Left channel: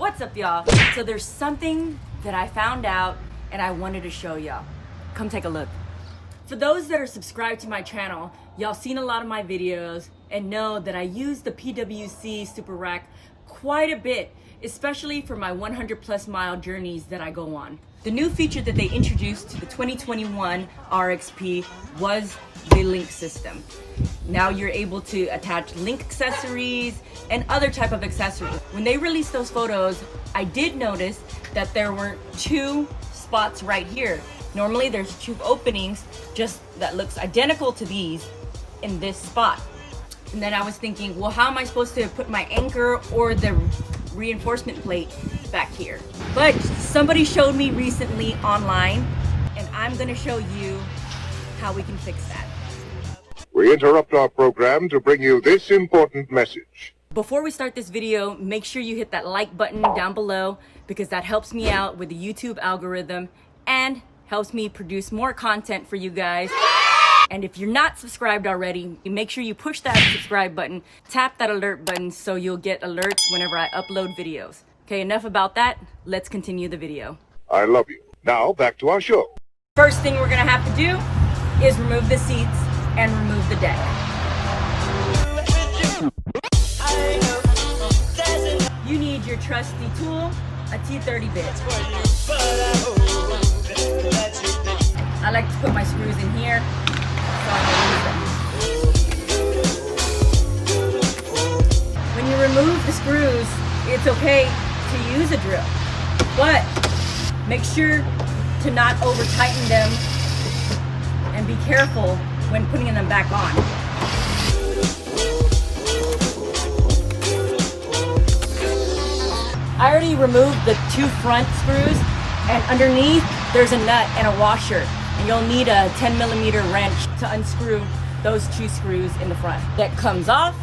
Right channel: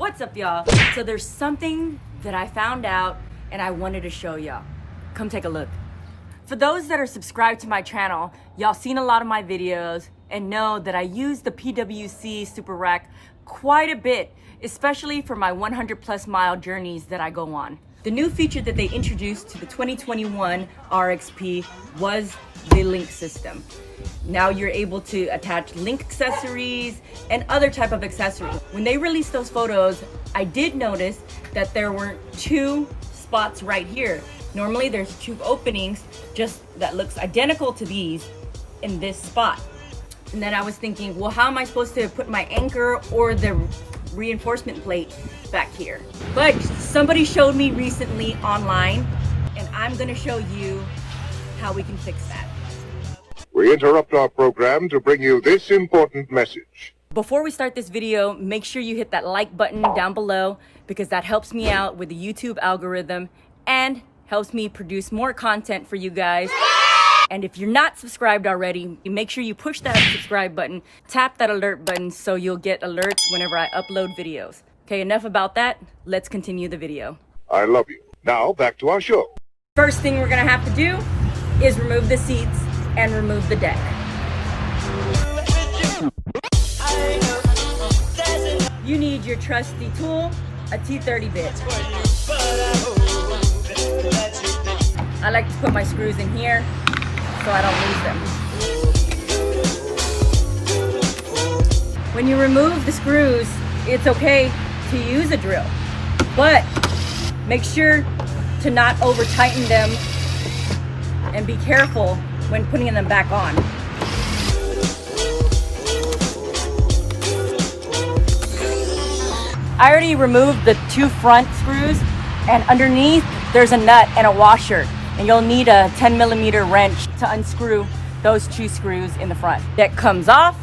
What's up, y'all? So there's something that I found out and I wanted to show y'all. Come take a look. For those that are subscribed to my channel, y'all seen a lot of my videos and know that I use the PWC Super Rack quite a bit, especially for my 100+ mile journeys that I go on. The new feature that they introduced to the 2021 RXP was the link system. Now you're able to attach link accessories and other type of accessories. When they released those photos, I did notice that there were 2 spots right here. Normally there's 2 openings just that looks identical to these in this spot. And then I was thinking, well, how am I supposed to put my anchor or the reinforcement plate back here? But somebody showed me recently online, and I'm gonna show you how we can fix that. We interrupt our program to bring you this important message. Before we start this video, make sure you hit that like button down below because that helps me out with the YouTube algorithm and helps me produce more content for you guys. And if you're not subscribed already, make sure you push that subscribe button, tap that alert button so you'll get alerts whenever I upload videos. Okay, enough about that. Let's continue the video. I love you. Now back to our show. First thing we're gonna have to do is remove the seats and remove the deck. You need your trusty tool, a T30 bit. I like to put my screws in here so I don't lose them. When you remove the screws, it's okay to use a drill, but make sure to not over tighten them and be careful when putting them back on. I already removed the 2 front screws, and underneath there's a nut and a washer, and you'll need a 10mm wrench to unscrew those 2 screws in the front. That comes off.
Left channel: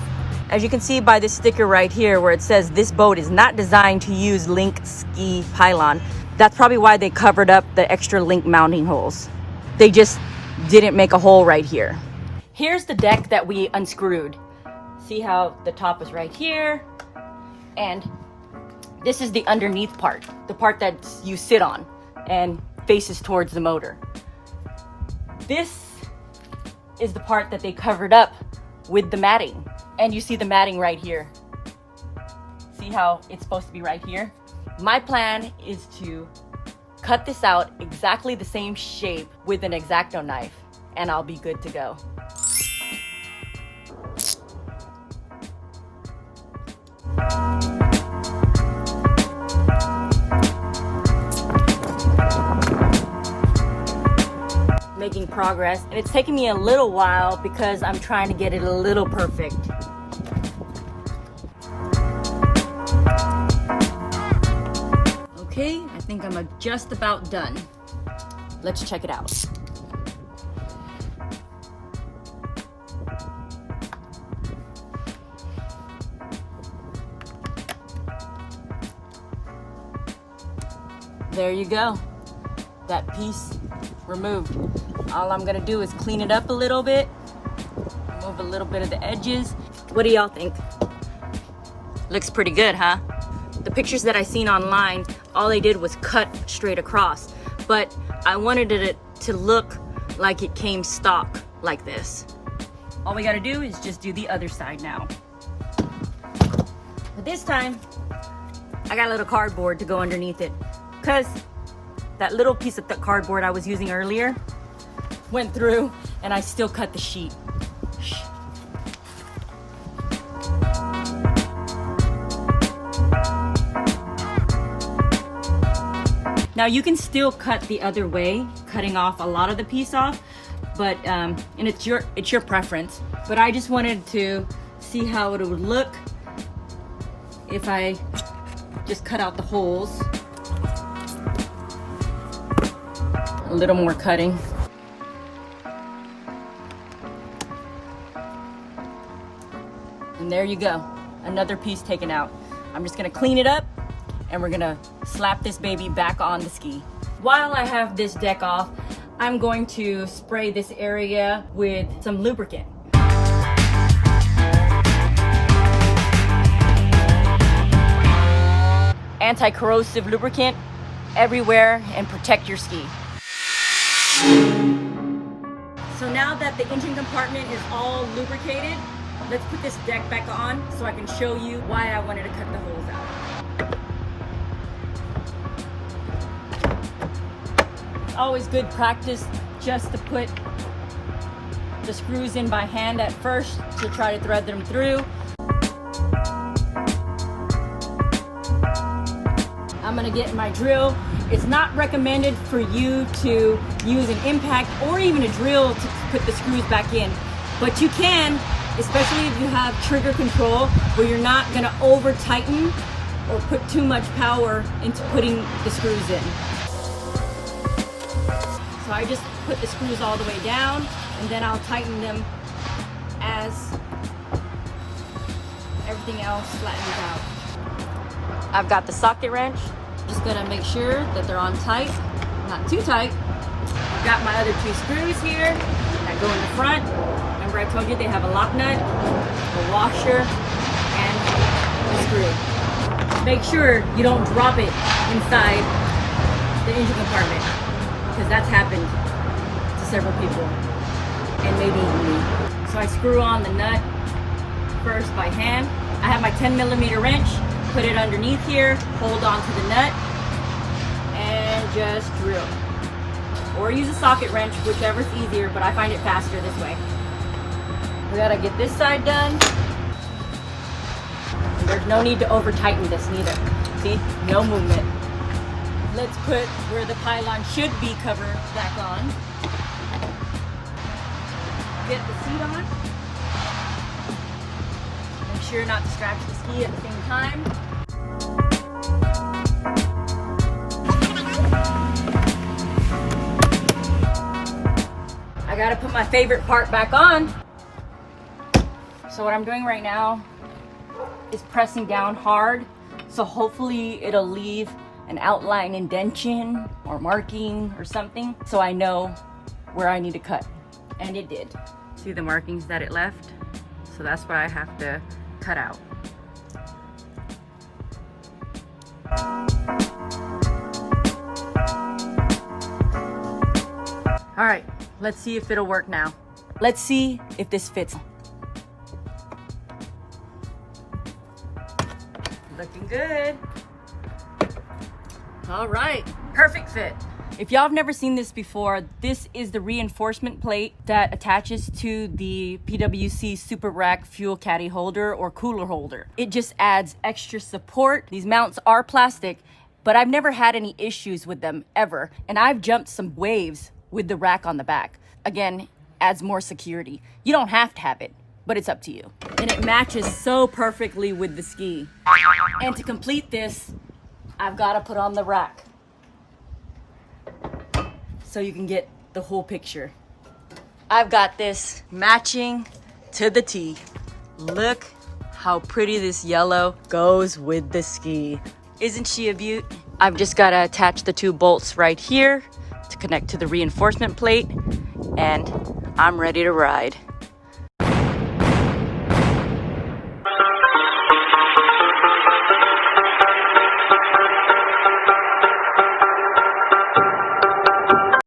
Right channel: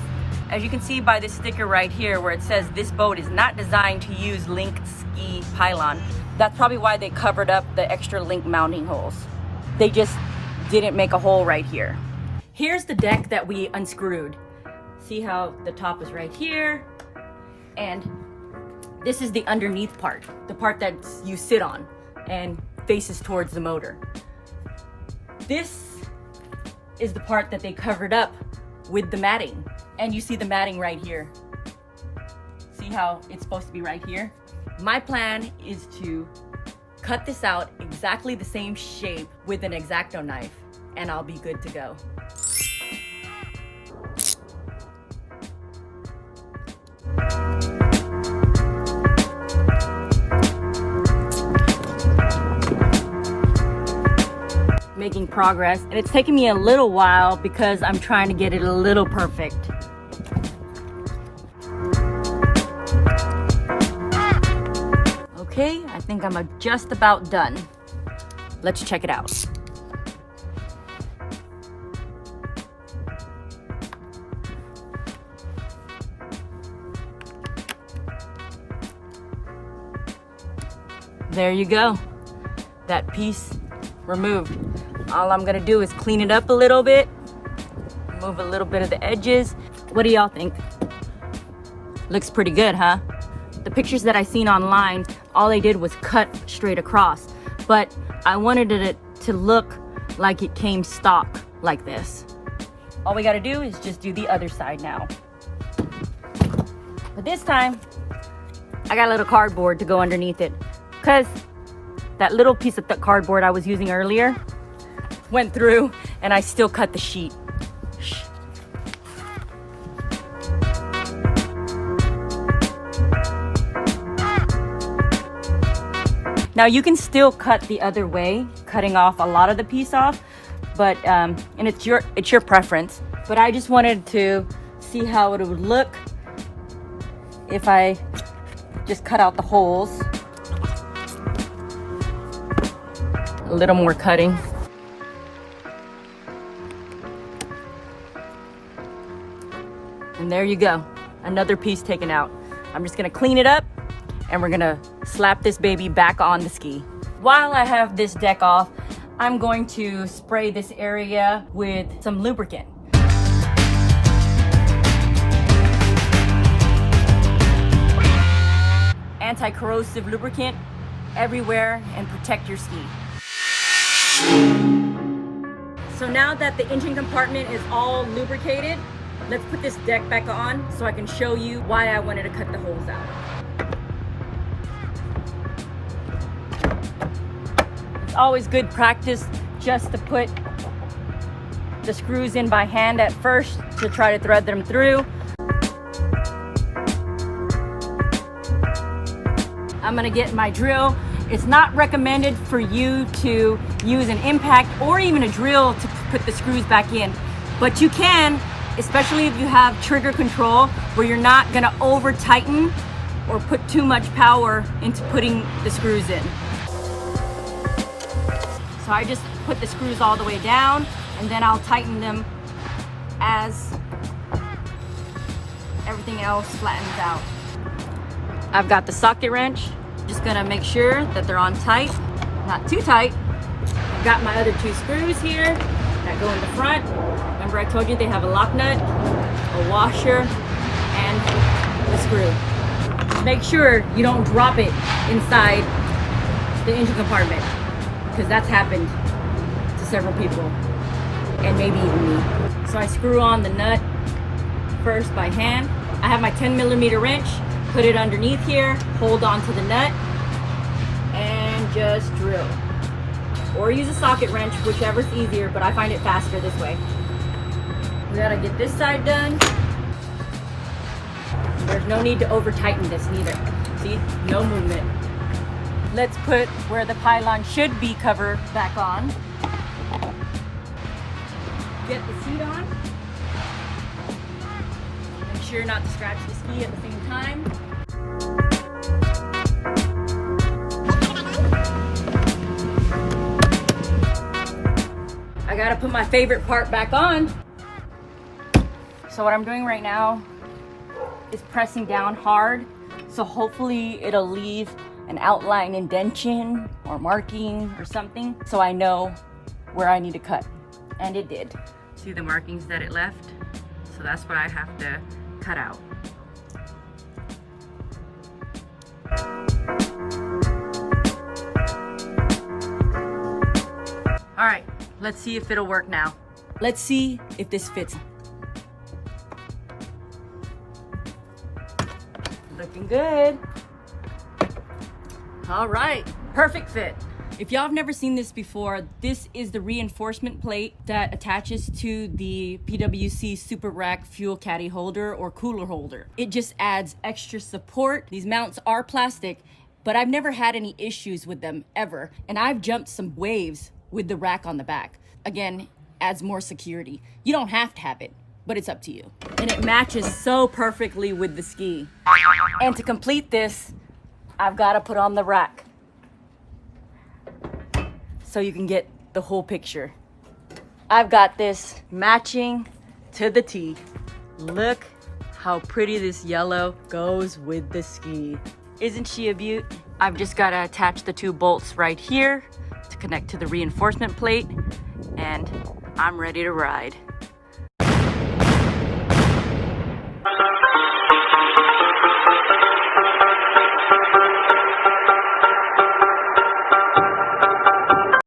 As you can see by this sticker right here where it says this boat is not designed to use link ski pylon. That's probably why they covered up the extra link mounting holes. They just didn't make a hole right here. Here's the deck that we unscrewed. See how the top is right here, and this is the underneath part, the part that you sit on and faces towards the motor. This is the part that they covered up with the matting, and you see the matting right here. See how it's supposed to be right here? My plan is to cut this out exactly the same shape with an X-Acto knife, and I'll be good to go. Making progress, and it's taking me a little while because I'm trying to get it a little perfect. Okay, I think I'm just about done. Let's check it out. There you go. That piece removed. All I'm gonna do is clean it up a little bit, remove a little bit of the edges. What do y'all think? Looks pretty good, huh? The pictures that I seen online, all they did was cut straight across, but I wanted it to look like it came stock like this. All we gotta do is just do the other side now. But this time, I got a little cardboard to go underneath it, because that little piece of cardboard I was using earlier went through and I still cut the sheet. Now you can still cut the other way, cutting off a lot of the piece off, but and it's your preference. But I just wanted to see how it would look if I just cut out the holes. A little more cutting. And there you go, another piece taken out. I'm just gonna clean it up and we're gonna slap this baby back on the ski. While I have this deck off, I'm going to spray this area with some lubricant. anti-corrosive lubricant everywhere and protect your ski. So now that the engine compartment is all lubricated, let's put this deck back on so I can show you why I wanted to cut the holes out. It's always good practice just to put the screws in by hand at first to try to thread them through. I'm gonna get my drill. It's not recommended for you to use an impact or even a drill to put the screws back in, but you can, especially if you have trigger control where you're not gonna over tighten or put too much power into putting the screws in. So I just put the screws all the way down and then I'll tighten them as everything else flattens out. I've got the socket wrench. Just gonna make sure that they're on tight, not too tight. I've got my other two screws here that go in the front. Remember I told you they have a lock nut, a washer, and the screw. Make sure you don't drop it inside the engine compartment, because that's happened to several people, and maybe even me. So I screw on the nut first by hand. I have my 10mm wrench, put it underneath here, hold on to the nut, and just drill. Or use a socket wrench, whichever's easier, but I find it faster this way. We gotta get this side done. There's no need to over tighten this neither. See, no movement. Let's put where the pylon should be covered back on. Get the seat on. Make sure not to scratch the ski at the same time. I gotta put my favorite part back on. So what I'm doing right now is pressing down hard. So hopefully it'll leave an outline indentation or marking or something, so I know where I need to cut. And it did. See the markings that it left? So that's what I have to cut out. All right, let's see if it'll work now. Let's see if this fits. Looking good. All right, perfect fit. If y'all have never seen this before, this is the reinforcement plate that attaches to the PWC Super Rack fuel caddy holder or cooler holder. It just adds extra support. These mounts are plastic, but I've never had any issues with them ever. And I've jumped some waves with the rack on the back. Again, adds more security. You don't have to have it, but it's up to you. And it matches so perfectly with the ski. And to complete this, I've got to put on the rack so you can get the whole picture. I've got this matching to the T. Look how pretty this yellow goes with the ski. Isn't she a beaut? I've just got to attach the two bolts right here to connect to the reinforcement plate, and I'm ready to ride.